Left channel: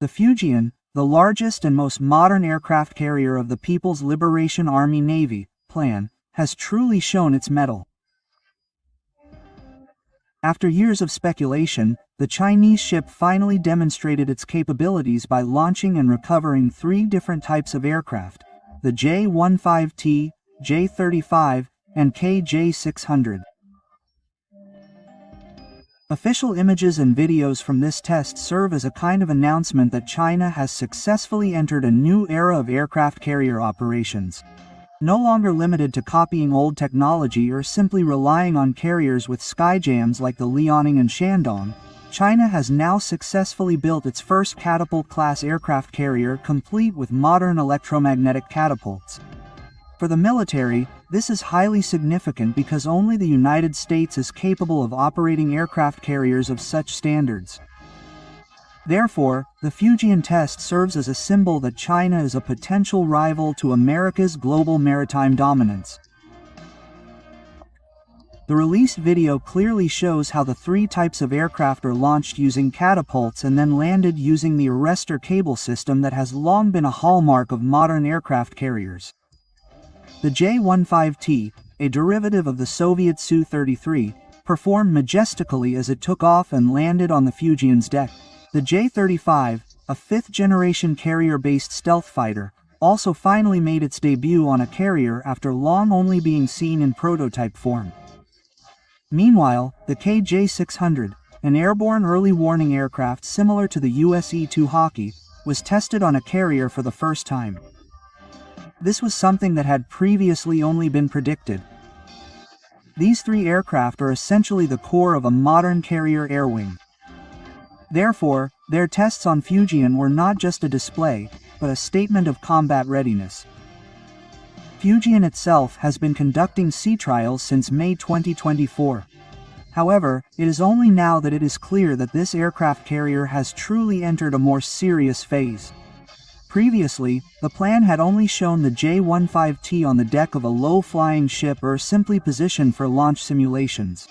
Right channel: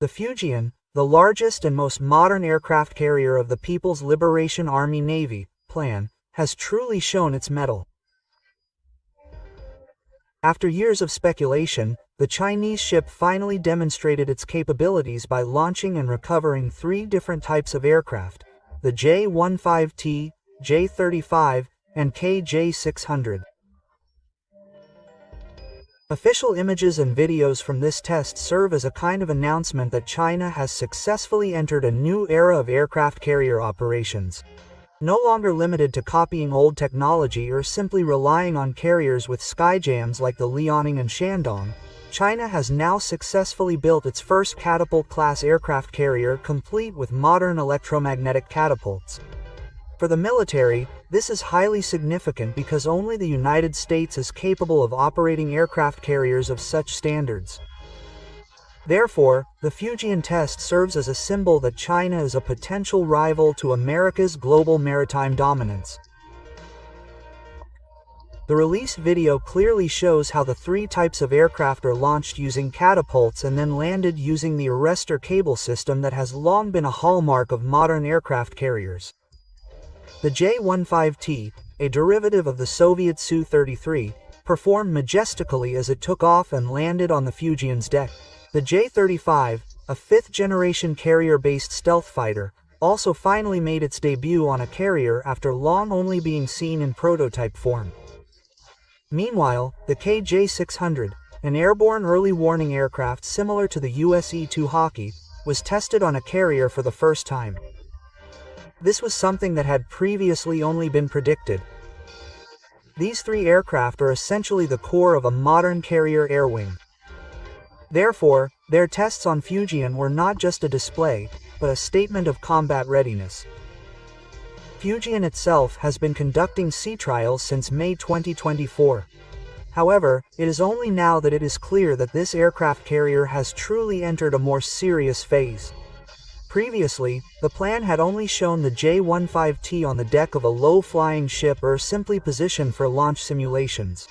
The Fujian, the largest and most modern aircraft carrier of the People's Liberation Army Navy, plan, has truly shown its mettle. After years of speculation, the Chinese ship finally demonstrated its capabilities by launching and recovering 3 different types of aircraft: the J-15T, J-35, and KJ-600. Official images and videos from this test serve as a kind of announcement that China has successfully entered a new era of aircraft carrier operations. No longer limited to copying old technology or simply relying on carriers with skyjams like the Liaoning and Shandong, China has now successfully built its first catapult-class aircraft carrier complete with modern electromagnetic catapults. For the military, this is highly significant because only the United States is capable of operating aircraft carriers of such standards. Therefore, the Fujian test serves as a symbol that China is a potential rival to America's global maritime dominance. The released video clearly shows how the 3 types of aircraft are launched using catapults and then landed using the arrestor cable system that has long been a hallmark of modern aircraft carriers. The J-15T, a derivative of the Soviet Su-33, performed majestically as it took off and landed on the Fujian's deck. The J-35, a 5th-generation carrier-based stealth fighter, also finally made its debut on a carrier after long only being seen in prototype form. Meanwhile, the KJ-600, an airborne early warning aircraft similar to the US E-2 Hawkeye, was tested on a carrier for the first time. This was something that had previously only been predicted. These 3 aircraft are essentially the core of a modern carrier air wing. Therefore, their tests on Fujian were not just a display, but a statement of combat readiness. Fujian itself has been conducting sea trials since May 2024. However, it is only now that it is clear that this aircraft carrier has truly entered a more serious phase. Previously, the plan had only shown the J-15T on the deck of a low-flying ship or simply positioned for launch simulations.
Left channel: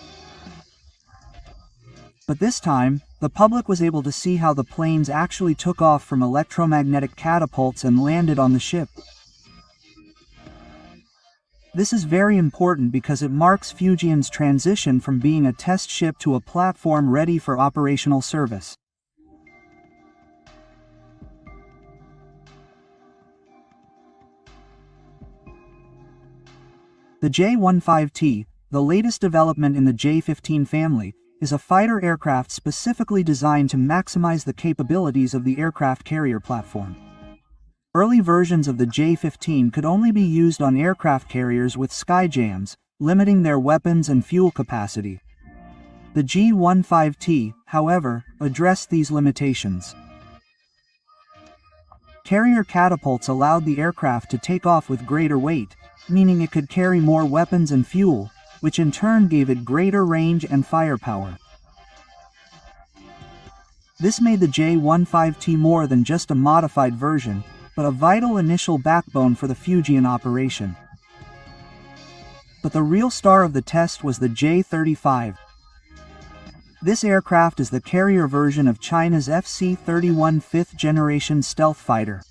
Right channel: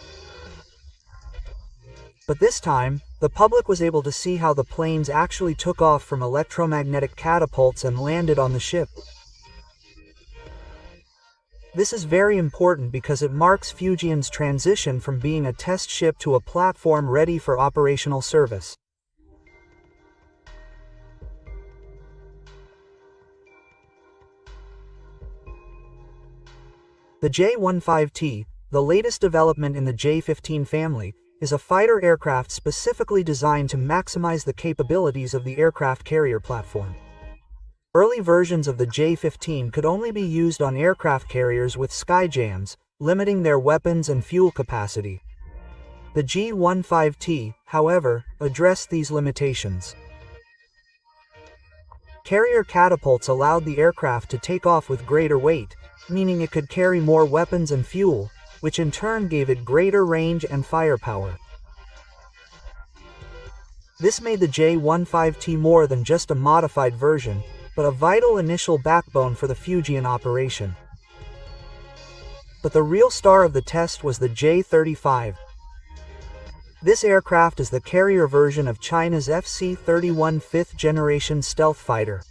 But this time, the public was able to see how the planes actually took off from electromagnetic catapults and landed on the ship. This is very important because it marks Fujian's transition from being a test ship to a platform ready for operational service. The J-15T, the latest development in the J-15 family, is a fighter aircraft specifically designed to maximize the capabilities of the aircraft carrier platform. Early versions of the J-15 could only be used on aircraft carriers with skyjams, limiting their weapons and fuel capacity. The J-15T, however, addressed these limitations. Carrier catapults allowed the aircraft to take off with greater weight, meaning it could carry more weapons and fuel, which in turn gave it greater range and firepower. This made the J-15T more than just a modified version, but a vital initial backbone for the Fujian operation. But the real star of the test was the J-35. This aircraft is the carrier version of China's FC-31 5th-generation stealth fighter.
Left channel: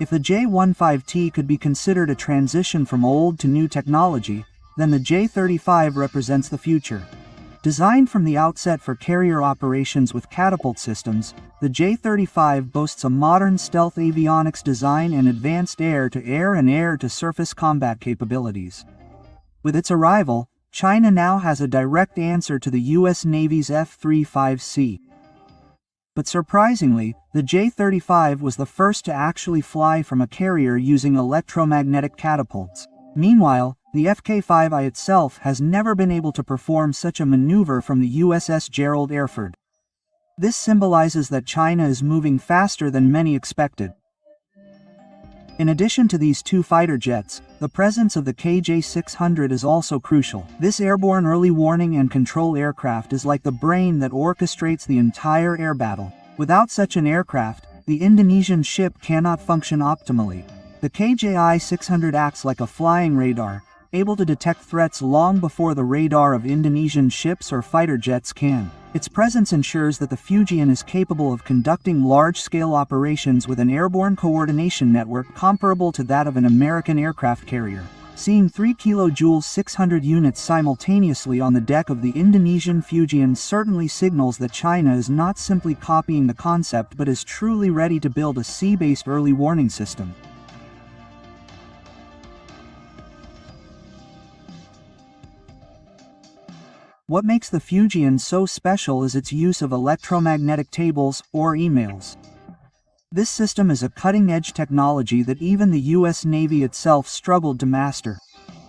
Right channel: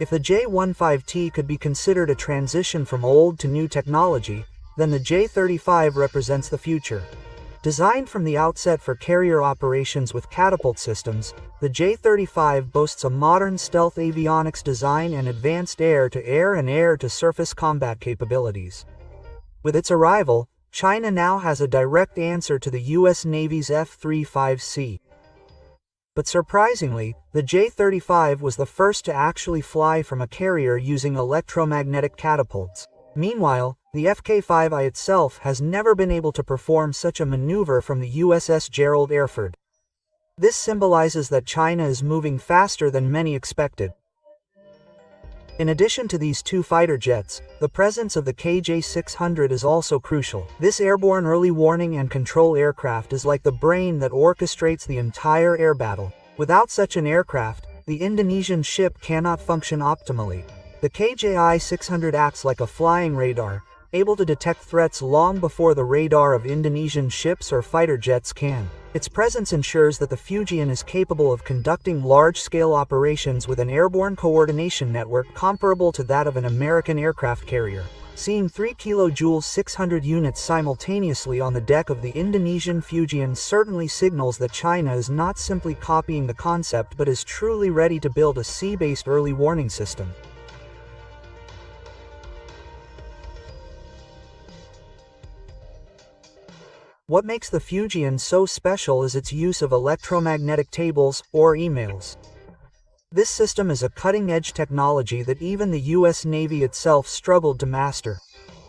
If the J-15T could be considered a transition from old to new technology, then the J-35 represents the future. Designed from the outset for carrier operations with catapult systems, the J-35 boasts a modern stealth avionics design and advanced air-to-air and air-to-surface combat capabilities. With its arrival, China now has a direct answer to the US Navy's F-35C. But surprisingly, the J-35 was the first to actually fly from a carrier using electromagnetic catapults. Meanwhile, the FK-5I itself has never been able to perform such a maneuver from the USS Gerald Erford. This symbolizes that China is moving faster than many expected. In addition to these 2 fighter jets, the presence of the KJ-600 is also crucial. This airborne early warning and control aircraft is like the brain that orchestrates the entire air battle. Without such an aircraft, the Indonesian ship cannot function optimally. The KJ-600 acts like a flying radar, able to detect threats long before the radar of Indonesian ships or fighter jets can. Its presence ensures that the Fujian is capable of conducting large-scale operations with an airborne coordination network comparable to that of an American aircraft carrier. Seeing 3 kJ 600 units simultaneously on the deck of the Indonesian Fujian certainly signals that China is not simply copying the concept but is truly ready to build a sea-based early warning system. What makes the Fujian so special is its use of electromagnetic tables, or emails. This system is a cutting-edge technology that even the US Navy itself struggled to master.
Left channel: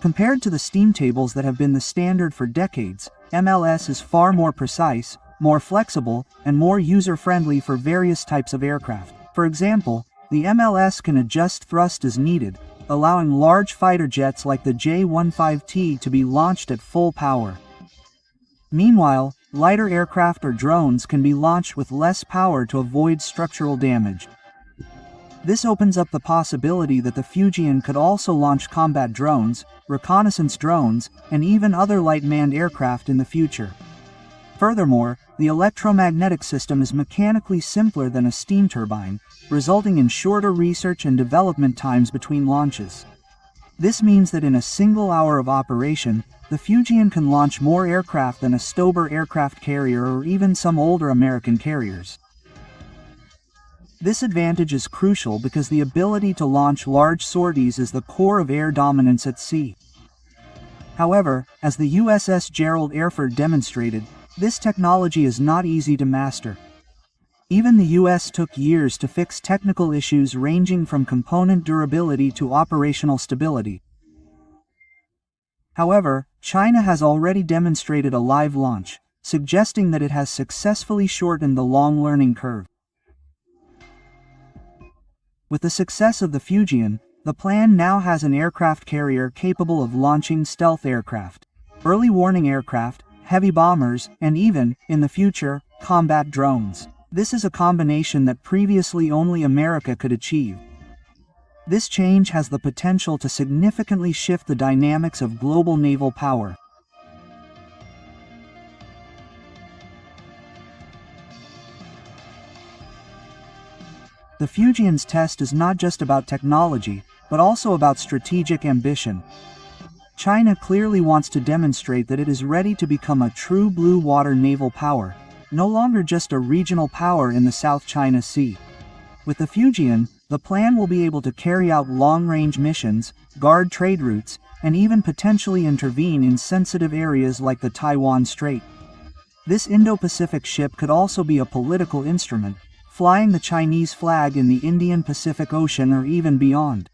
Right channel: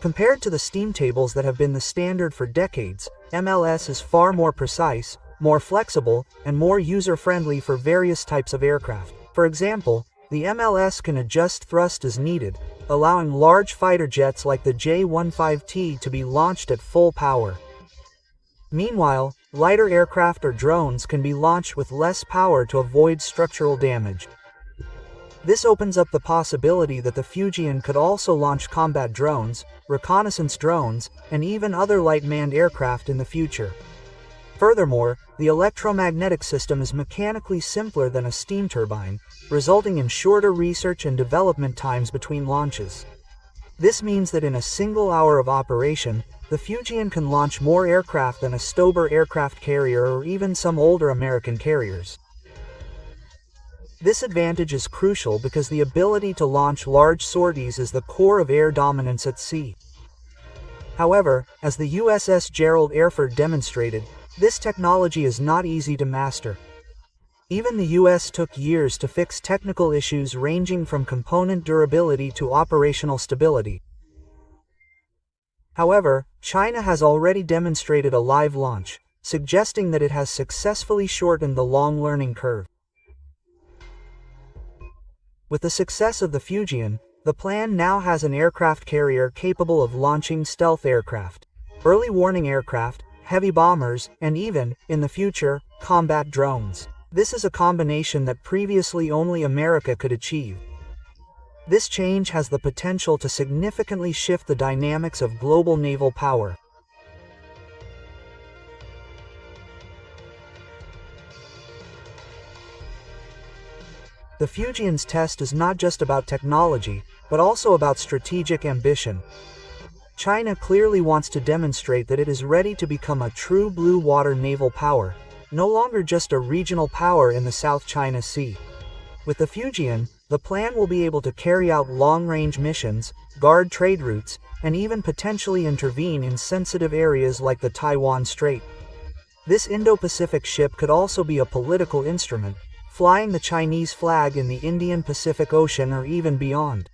Compared to the steam tables that have been the standard for decades, MLS is far more precise, more flexible, and more user-friendly for various types of aircraft. For example, the MLS can adjust thrust as needed, allowing large fighter jets like the J-15T to be launched at full power. Meanwhile, lighter aircraft or drones can be launched with less power to avoid structural damage. This opens up the possibility that the Fujian could also launch combat drones, reconnaissance drones, and even other light manned aircraft in the future. Furthermore, the electromagnetic system is mechanically simpler than a steam turbine, resulting in shorter research and development times between launches. This means that in a single hour of operation, the Fujian can launch more aircraft than a Stober aircraft carrier or even some older American carriers. This advantage is crucial because the ability to launch large sorties is the core of air dominance at sea. However, as the USS Gerald Erford demonstrated, this technology is not easy to master. Even the US took years to fix technical issues ranging from component durability to operational stability. However, China has already demonstrated a live launch, suggesting that it has successfully shortened the long learning curve. With the success of the Fujian, the plan now has an aircraft carrier capable of launching stealth aircraft, early warning aircraft, heavy bombers, and even, in the future, combat drones. This is a combination that previously only America could achieve. This change has the potential to significantly shift the dynamics of global naval power. The Fujian's test is not just about technology, but also about strategic ambition. China clearly wants to demonstrate that it is ready to become a true blue water naval power, no longer just a regional power in the South China Sea. With the Fujian, the plan will be able to carry out long-range missions, guard trade routes, and even potentially intervene in sensitive areas like the Taiwan Strait. This Indo-Pacific ship could also be a political instrument, flying the Chinese flag in the Indian Pacific Ocean or even beyond.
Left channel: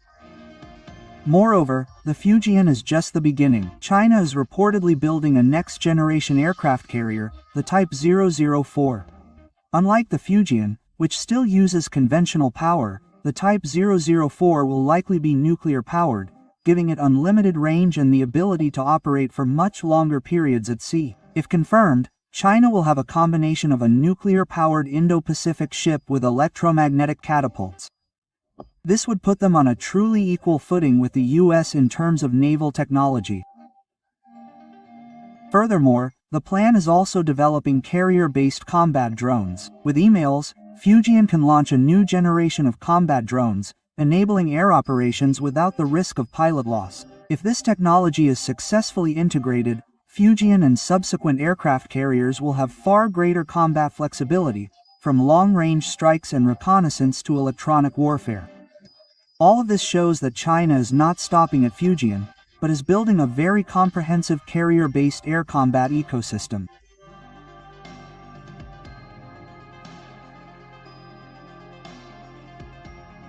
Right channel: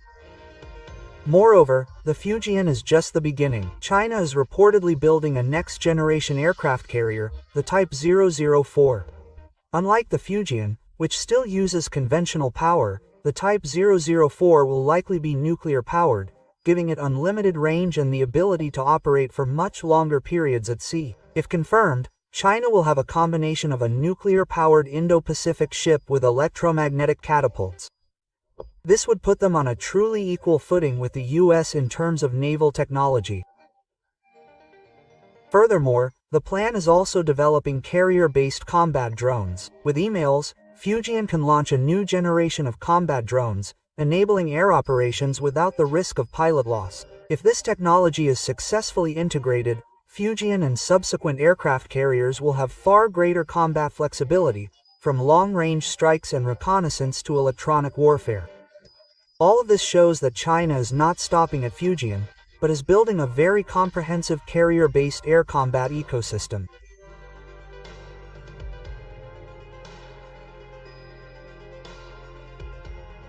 Moreover, the Fujian is just the beginning. China is reportedly building a next-generation aircraft carrier, the Type 004. Unlike the Fujian, which still uses conventional power, the Type 004 will likely be nuclear-powered, giving it unlimited range and the ability to operate for much longer periods at sea. If confirmed, China will have a combination of a nuclear-powered Indo-Pacific ship with electromagnetic catapults. This would put them on a truly equal footing with the US in terms of naval technology. Furthermore, the plan is also developing carrier-based combat drones. With emails, Fujian can launch a new generation of combat drones, enabling air operations without the risk of pilot loss. If this technology is successfully integrated, Fujian and subsequent aircraft carriers will have far greater combat flexibility, from long-range strikes and reconnaissance to electronic warfare. All of this shows that China is not stopping at Fujian, but is building a very comprehensive carrier-based air combat ecosystem.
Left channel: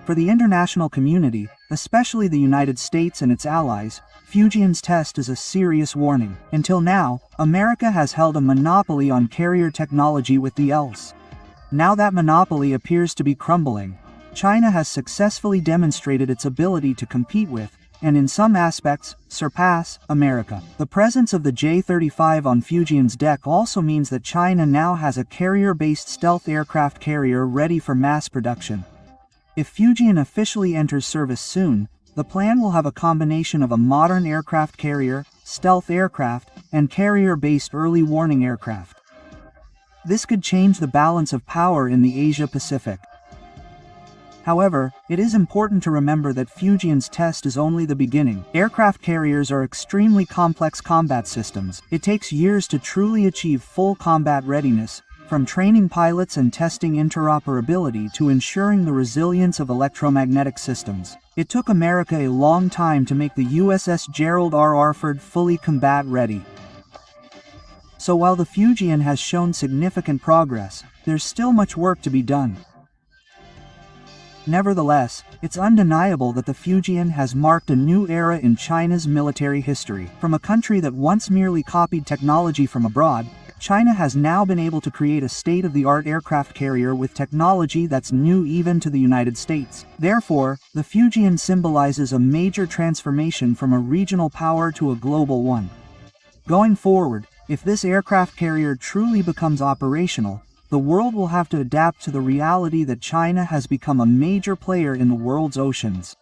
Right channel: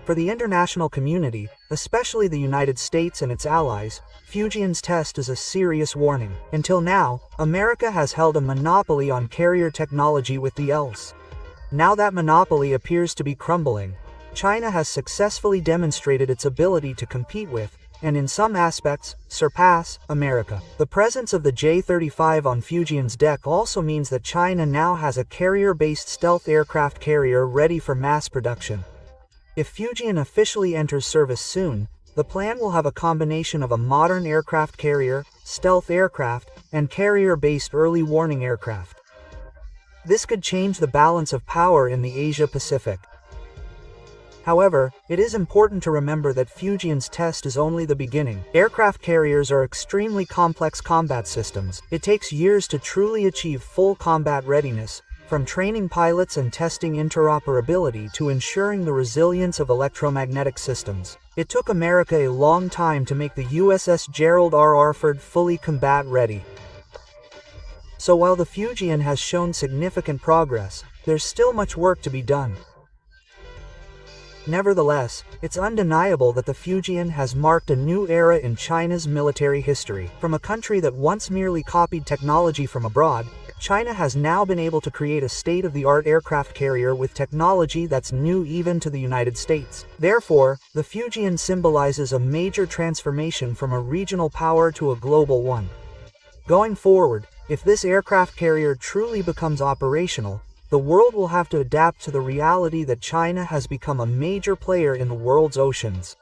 For the international community, especially the United States and its allies, Fujian's test is a serious warning. Until now, America has held a monopoly on carrier technology with the ELS. Now that monopoly appears to be crumbling. China has successfully demonstrated its ability to compete with, and in some aspects, surpass, America. The presence of the J-35 on Fujian's deck also means that China now has a carrier-based stealth aircraft carrier ready for mass production. If Fujian officially enters service soon, the plan will have a combination of a modern aircraft carrier, stealth aircraft, and carrier-based early warning aircraft. This could change the balance of power in the Asia-Pacific. However, it is important to remember that Fujian's test is only the beginning. Aircraft carriers are extremely complex combat systems. It takes years to truly achieve full combat readiness, from training pilots and testing interoperability to ensuring the resilience of electromagnetic systems. It took America a long time to make the USS Gerald R. Orford fully combat ready. So while the Fujian has shown significant progress, there's still much work to be done. Nevertheless, it's undeniable that the Fujian has marked a new era in China's military history. From a country that once merely copied technology from abroad, China has now been able to create a state-of-the-art aircraft carrier with technology that's new even to the United States. Therefore, the Fujian symbolizes a major transformation from a regional power to a global one. Going forward, if this aircraft carrier truly becomes operational, the world will have to adapt to the reality that China has become a major player in the world's oceans.